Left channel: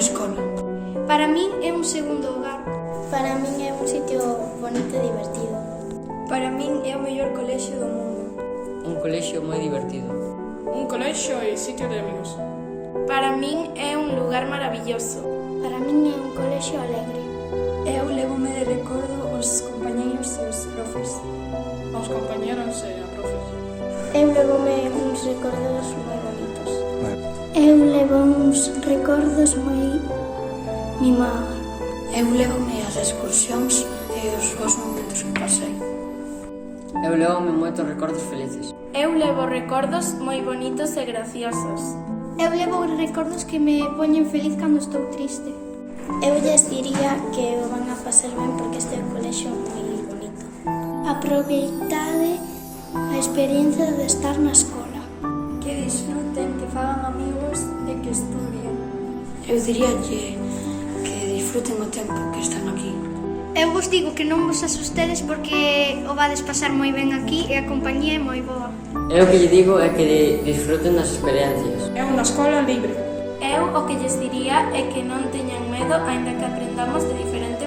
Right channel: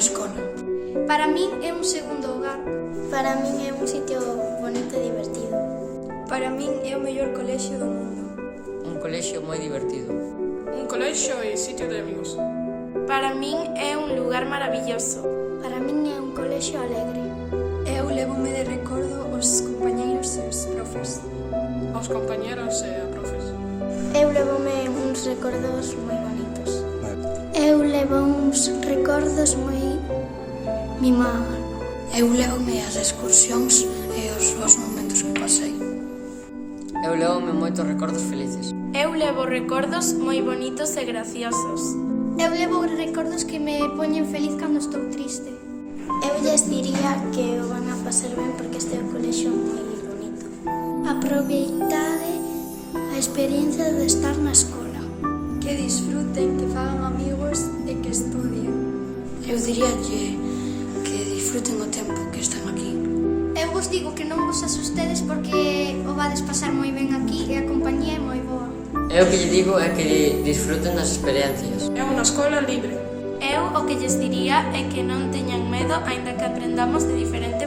escola. Para min é un segundo hogar. Para min é un sitio bonito e divertido. Para min é o mellor colexio do mundo. Un colexio moi divertido. Un colexio e sitio de amigos. Para min é un lugar maravilloso. Para min é un colexio alegre. Eu lévome de recordo os compañeiros e os profes. Aos compañeros e a profes. Eu levome uns recordos moi bonitos. Eu levo uns recordos moi mimados. Eu levome as excursións e os bons momentos que pasei. Eu levome moitos recordos felices. Eu levo recordos moi bonitos e graciosos. Eu levo recordos que me poñen feliz cando estou triste. Eu lles diría que o van a pasar ben porque este é un colexio moi bonito. Aproveitade a experiencia de estar na escola. Que disfruten, que fagan amigos e que estudien. Eu diría que disfruten o tempo que están aquí. Eu vos digo que non vos asustedes porque o vades pasar moi ben aquí e a compañía é moi boa. Eu o que lle digo é que disfruten das experiencias. É unha escola libre. Eu o que lles diría é que non teñan medo aínda que aprendamos de diferentes